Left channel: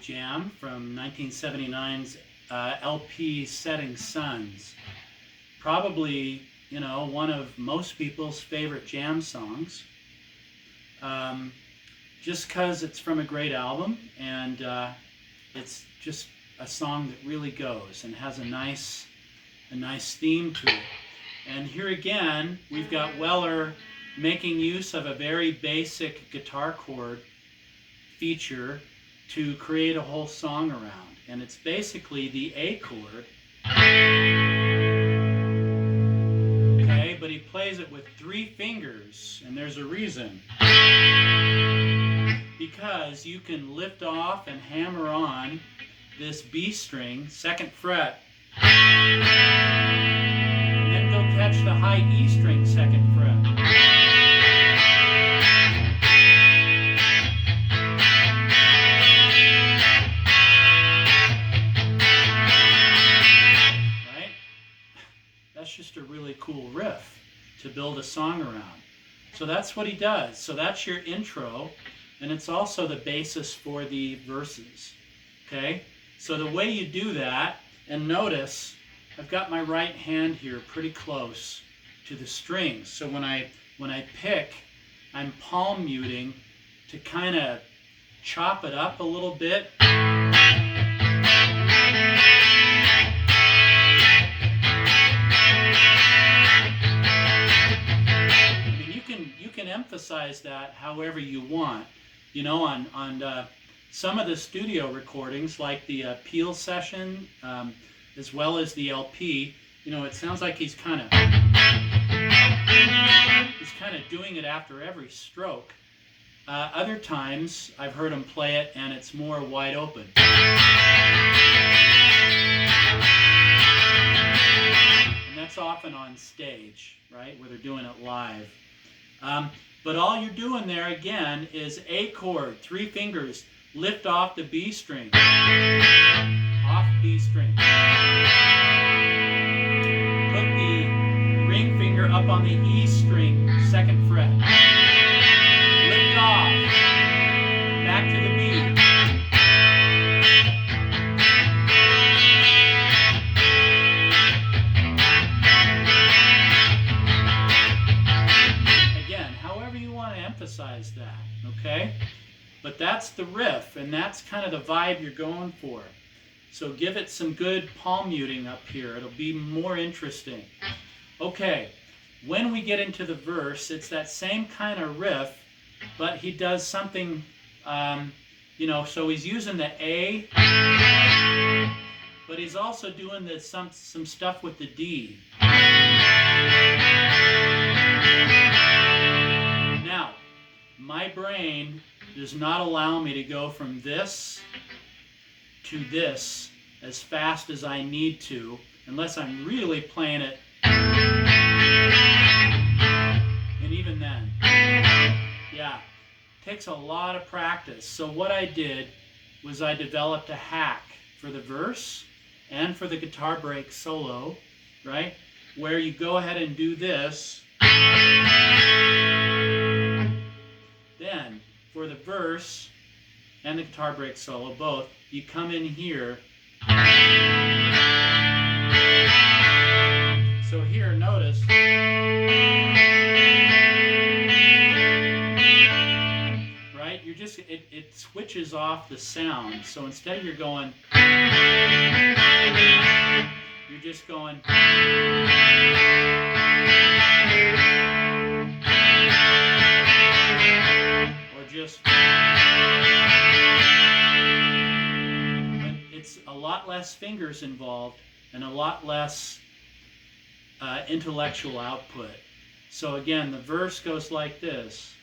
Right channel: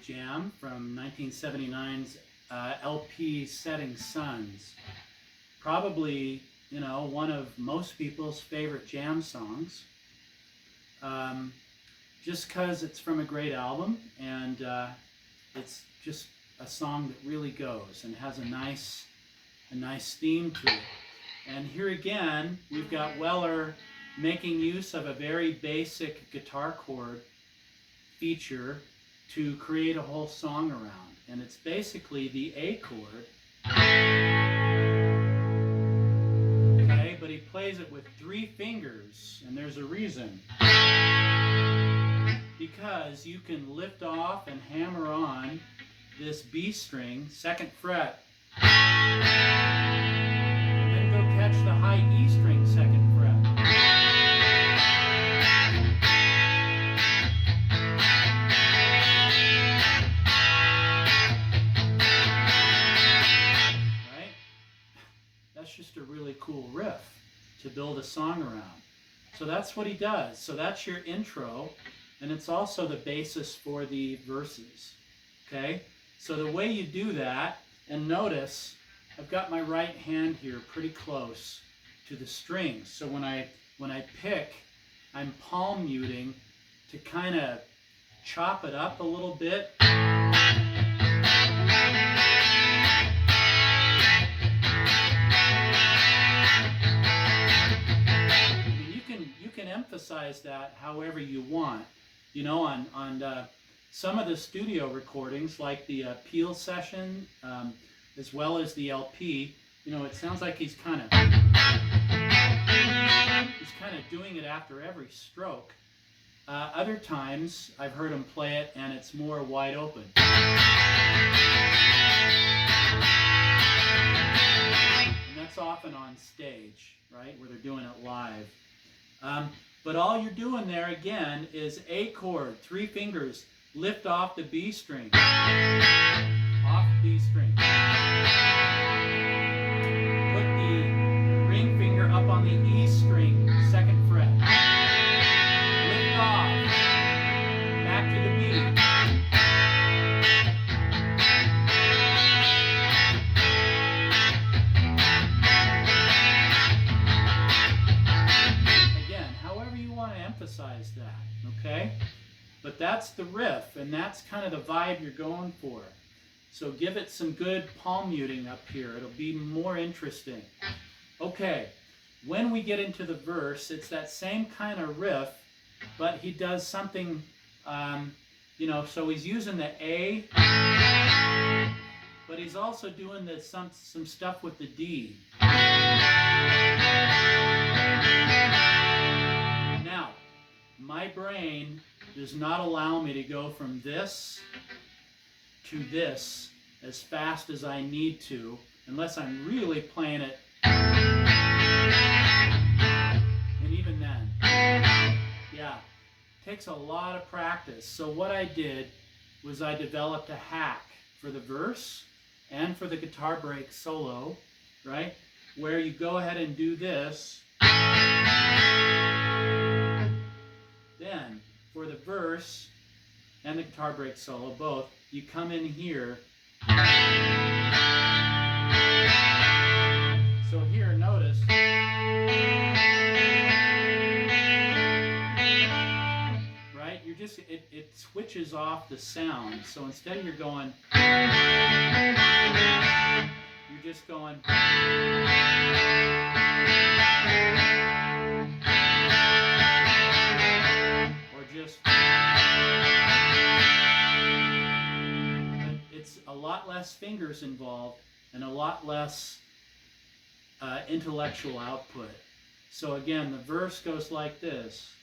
jam from 1979's LP Setting Suns. Probably, you know, one of most people's favorite jam songs. Just because it's from a great album, and it's just a song that really goes and has a nice theme to it. And here again, we've got Weller making use of a very basic guitar chord feature to create a whole song around. And it's basically the A chord. Okay, but he plays it with 3 fingers, and there's a reason. Because you can lift off and hammer on this B string, 2nd fret, and then go catch the high E string, 2nd fret. Right? That's just a really cool riff to build a song around. So that's what he does. So that's your intro, and it's also the basis for the verses. Okay? So the way you do that, and notice I've got my right hand here pretty close to the strings. So when I pick, I'm palm muting to kind of chop it up a little bit. I mean, you can emphasize that however you want. You know, on some of the studio recordings, like the Peel session, as well as the LP, you know, it sounds like he's kind of doing it after every stroke. Other times, I've heard him play it, and it's more wide open. And that's often on stage, right, where they're doing it live. But all you're doing there, again, is A chord, 3 fingers, lift off the B string, off B string. Put the ring finger up on the E string, 2nd fret. Lift off, back to the B. Emphasize that, okay? But that's the riff, and that's kind of the vibe you're going for. So give it some good palm muting up here. It'll be more interesting. Okay, when we get into the verse, it's that same kind of riff, but he does something, you know, so he's using the A, but he's also doing some stuff with the D. Now, my brain does not allow me to go from this to this as fast as I need to, unless I'm really playing it. And even then, yeah, takes a lot of practice. So what I did was I developed a hack for the verse and for the guitar break solo, right? Where you go ahead and do this. Then, for the verse and the guitar break solo, both, you come in here. So here, notice. Right? You're just, it switches off the sound. So instead of you're going, you're just going. Just, but it's a lot less fingers involved and a lot less intellectual output. So again, the verse goes like this.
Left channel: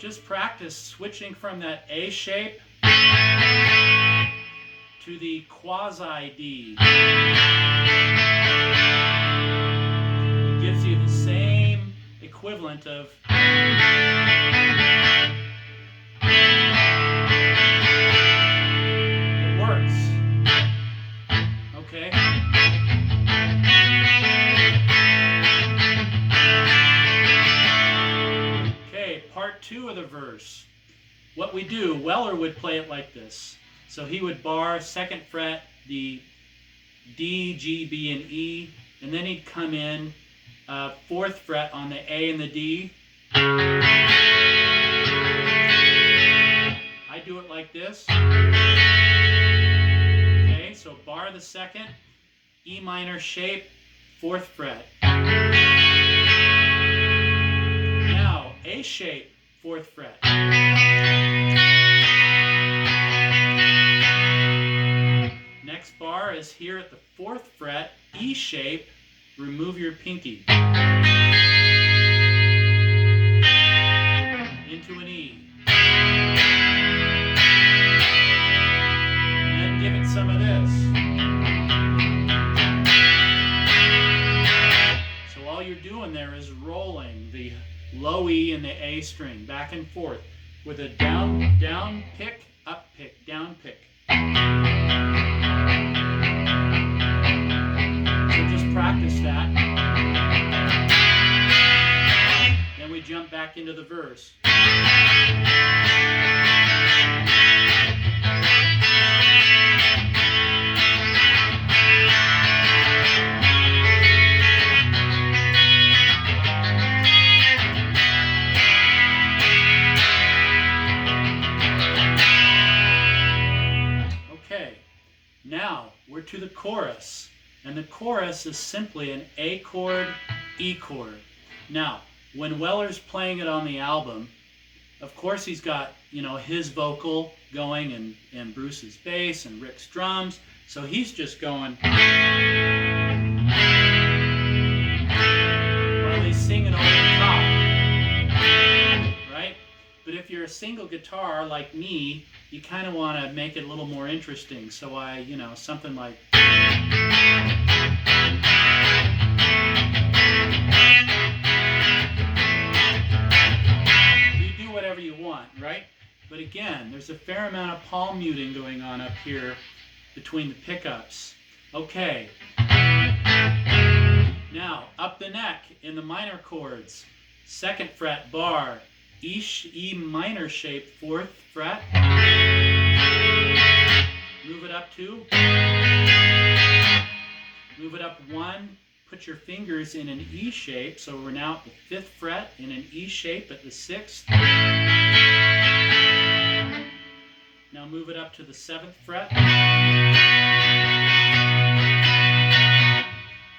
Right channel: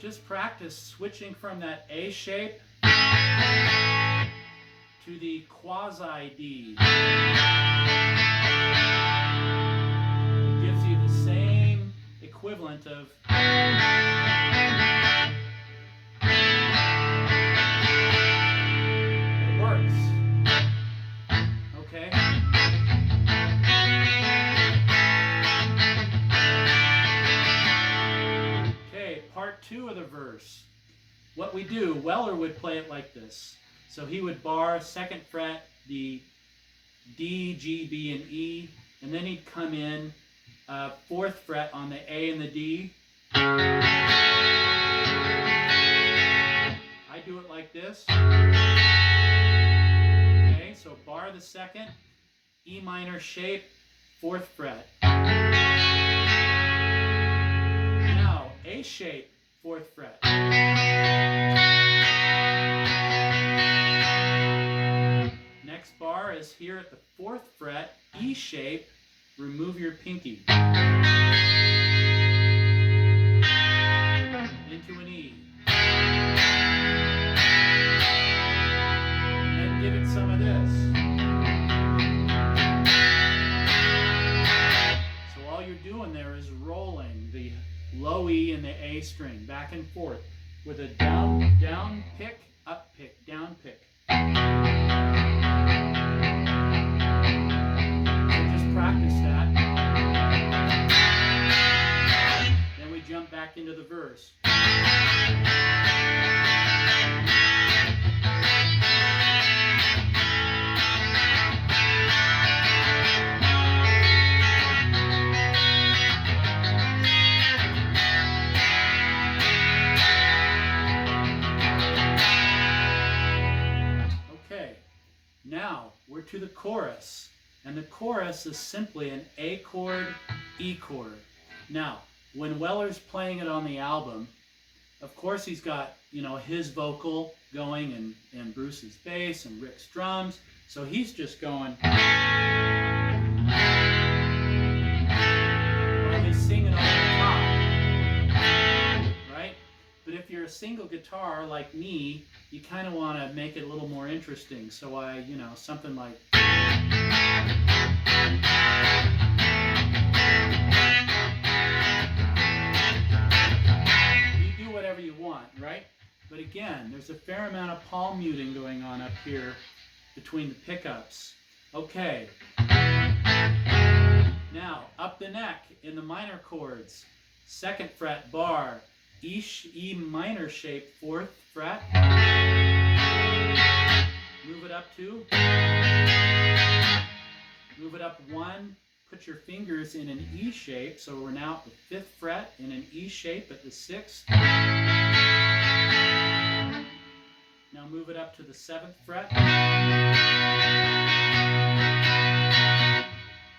Just practice switching from that A shape to the quasi D. It gives you the same equivalent of. It 2 of the verse. What we do, Weller would play it like this. So he would bar 2nd fret, the D, G, B, and E, and then he'd come in 4th fret on the A and the D. I do it like this. Okay, so bar the 2nd, E minor shape, 4th fret. Now, A shape, 4th fret. Next bar is here at the 4th fret, E shape, remove your pinky. Into an E. Then give it some of this. So all you're doing there is rolling the low E and the A string back and forth with a down pick, up pick, down pick. So just practice that. Then we jump back into the verse. Now we're to the chorus, and the chorus is simply an A chord, E chord. Now, when Weller's playing it on the album, of course he's got, you know, his vocal going and Bruce's bass and Rick's drums, so he's just going while he's singing over the top, right? But if you're a single guitar like me, you kind of want to make it a little more interesting. So I, you know, something like. You do whatever you want, right? But again, there's a fair amount of palm muting going on up here between the pickups. Okay. Now, up the neck in the minor chords. 2nd fret bar. E minor shape, 4th fret. Move it up 2. Move it up 1. Put your fingers in an E shape. So we're now at the 5th fret in an E shape at the 6th. Now move it up to the 7th fret.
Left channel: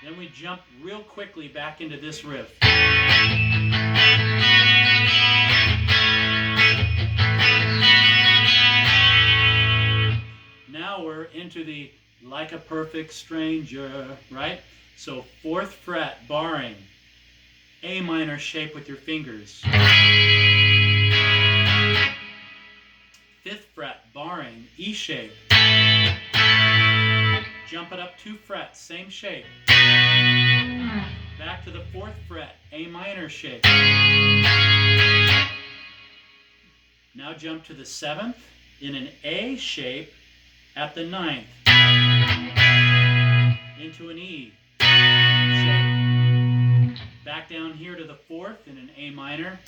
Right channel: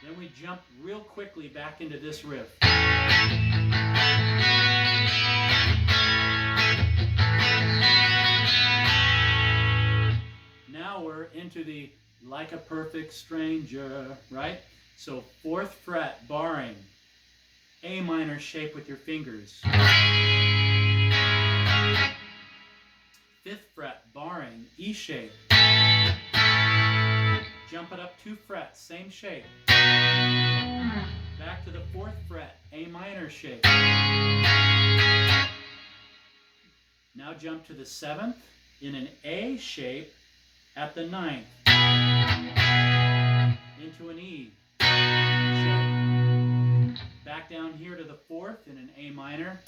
Then we jump real quickly back into this riff. Now we're into the Like a Perfect Stranger, right? So 4th fret, barring, A minor shape with your fingers. 5th fret, barring, E shape. Jump it up 2 frets, same shape. Back to the 4th fret, A minor shape. Now jump to the 7th in an A shape at the 9th. Into an E shape. Back down here to the 4th in an A minor.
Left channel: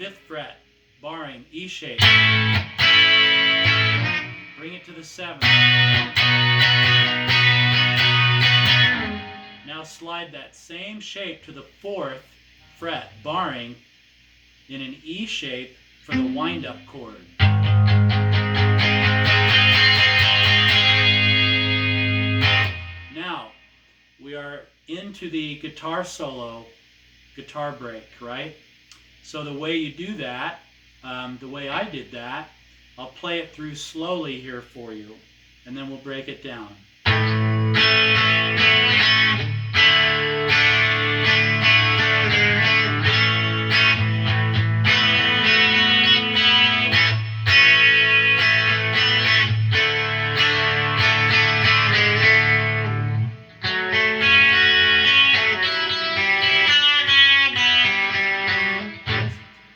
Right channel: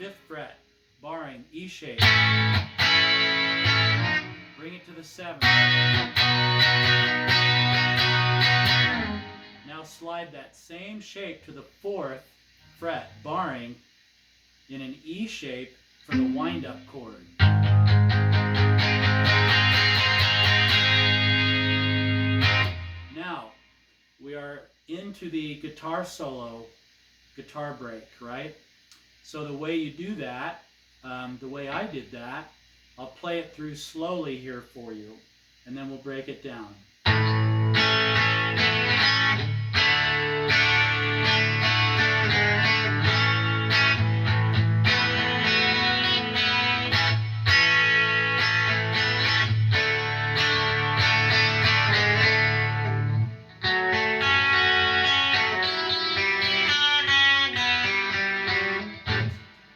5th fret, barring, E shape. Bring it to the 7th. Now slide that same shape to the 4th fret, barring, in an E shape for the wind-up chord. Now, we are into the guitar solo, guitar break, right? So the way you do that, the way I did that, I'll play it through slowly here for you, and then we'll break it down.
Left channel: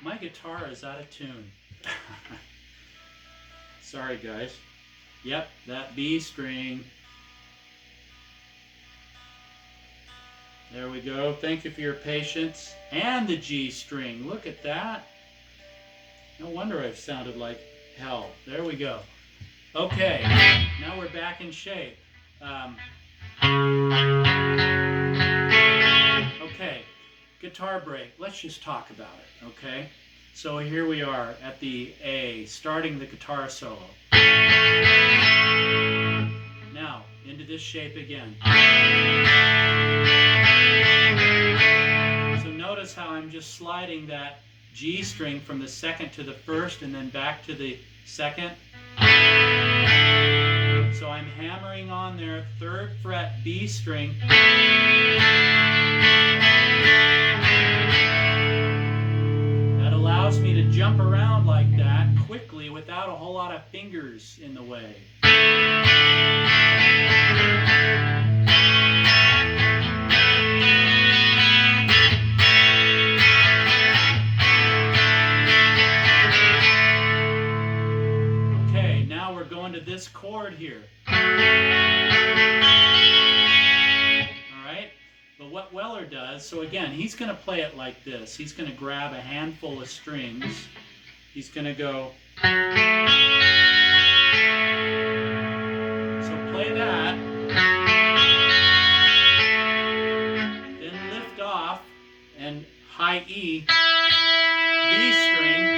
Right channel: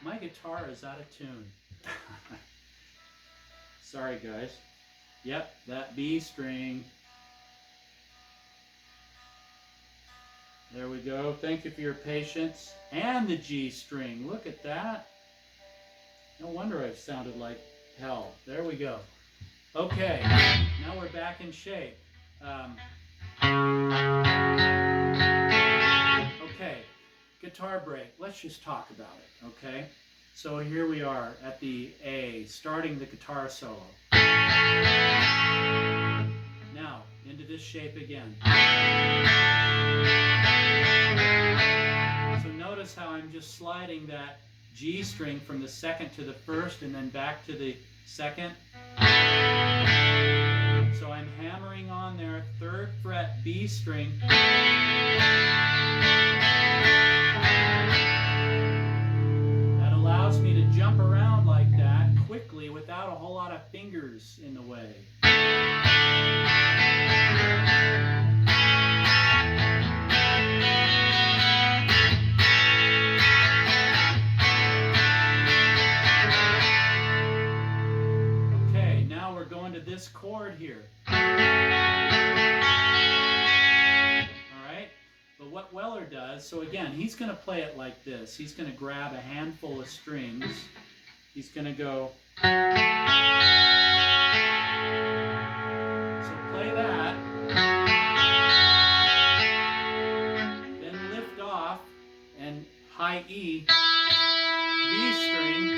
My guitar is out of tune. Sorry, guys. Yep, that B string. There we go. Thank you for your patience. And the G string. Look at that. No wonder I've sounded like hell. There we go. Okay, now we're back in shape. Okay, guitar break. Let's just talk about it, okay? So here we are at the A, starting the guitar solo. Now, into this shape again. So notice how I'm just sliding that G string from the second to the first and then back to the second. So I'm hammering on there, 3rd fret B string. That allows me to jump around like that quickly without a whole lot of fingers in the way. Okay, now we're going to this chord here. Alright, but what Weller does, so again, he's going to play it like this. He's going to grab a handful of strings. He's going to go. So play that. Then lift off and high E, B string,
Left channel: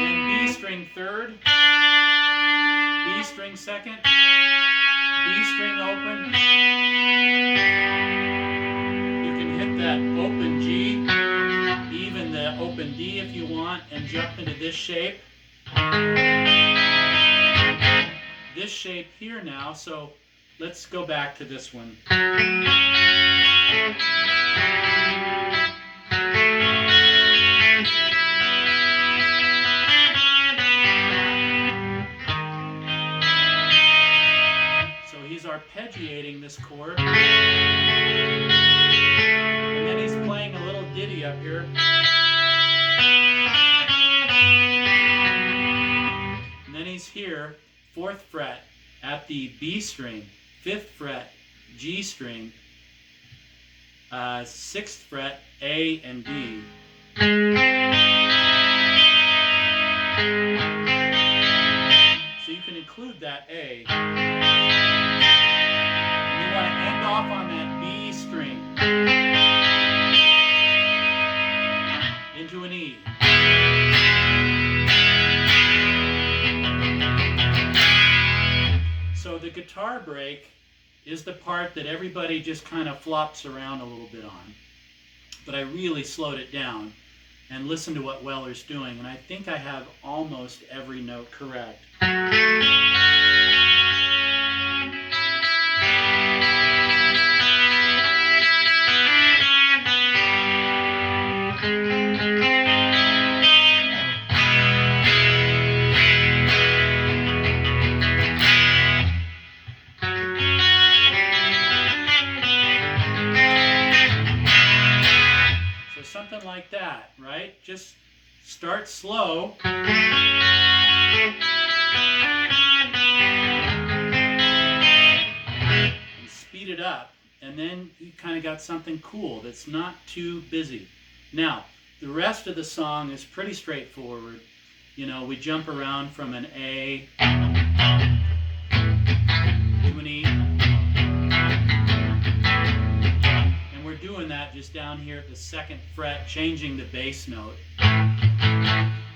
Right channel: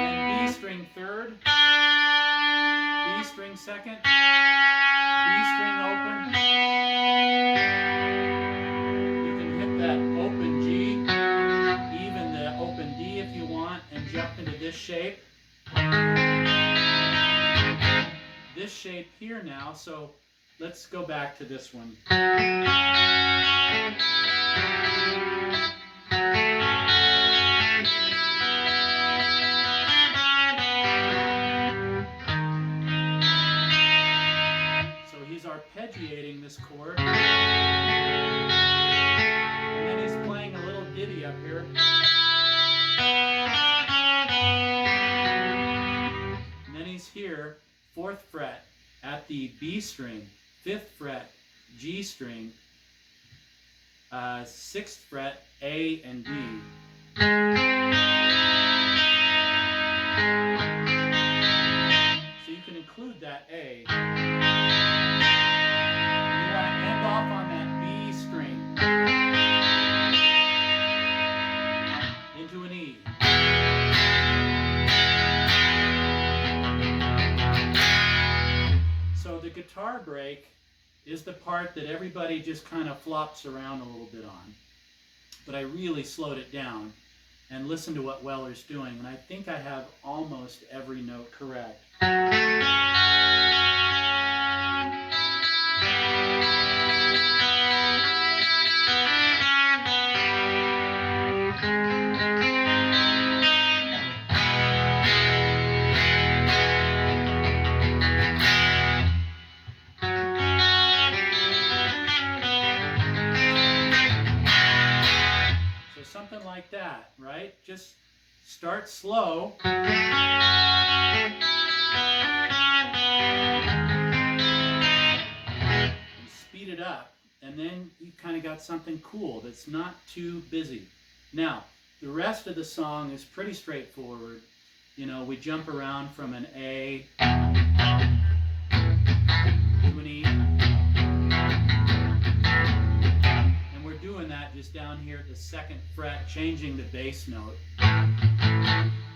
then B string 3rd, B string 2nd, B string open. You can hit that open G, even the open D if you want, and jump into this shape. This shape here now, so let's go back to this one. So he's arpeggiating this chord. And then he's playing a little ditty up here. And then he's here, 4th fret at the B string, 5th fret G string, 6th fret A and D. So you can include that A. And you want to end off on that B string into an E. So the guitar break is the part that everybody just kind of flops around a little bit on. But I really slowed it down and listened to what Weller's doing, and I think I have almost every note correct. Something like that, right? Just start slow. And speed it up. And then you kind of got something cool that's not too busy. Now, the rest of the song is pretty straightforward. You know, we jump around from an A to an E. Doing that just down here at the 2nd fret, changing the bass note.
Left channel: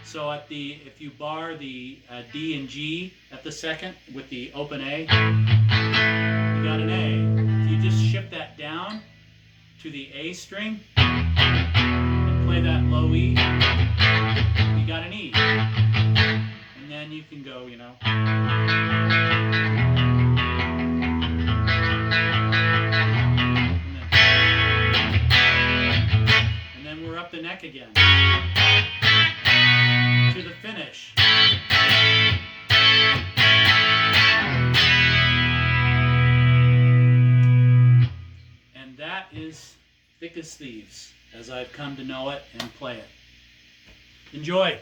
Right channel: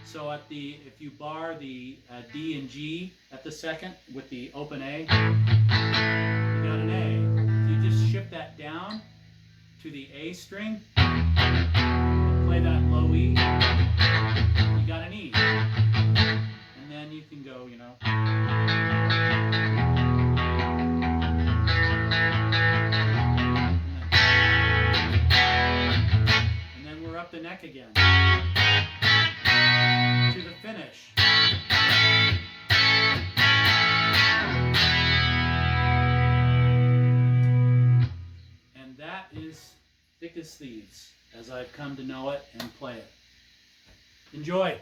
So at the, if you bar the D and G at the 2nd with the open A, you got an A. If you just shift that down to the A string and play that low E, you got an E. And then you can go, you know. Up the neck again to the finish. And that is Thick as Thieves, as I've come to know it and play it. Enjoy.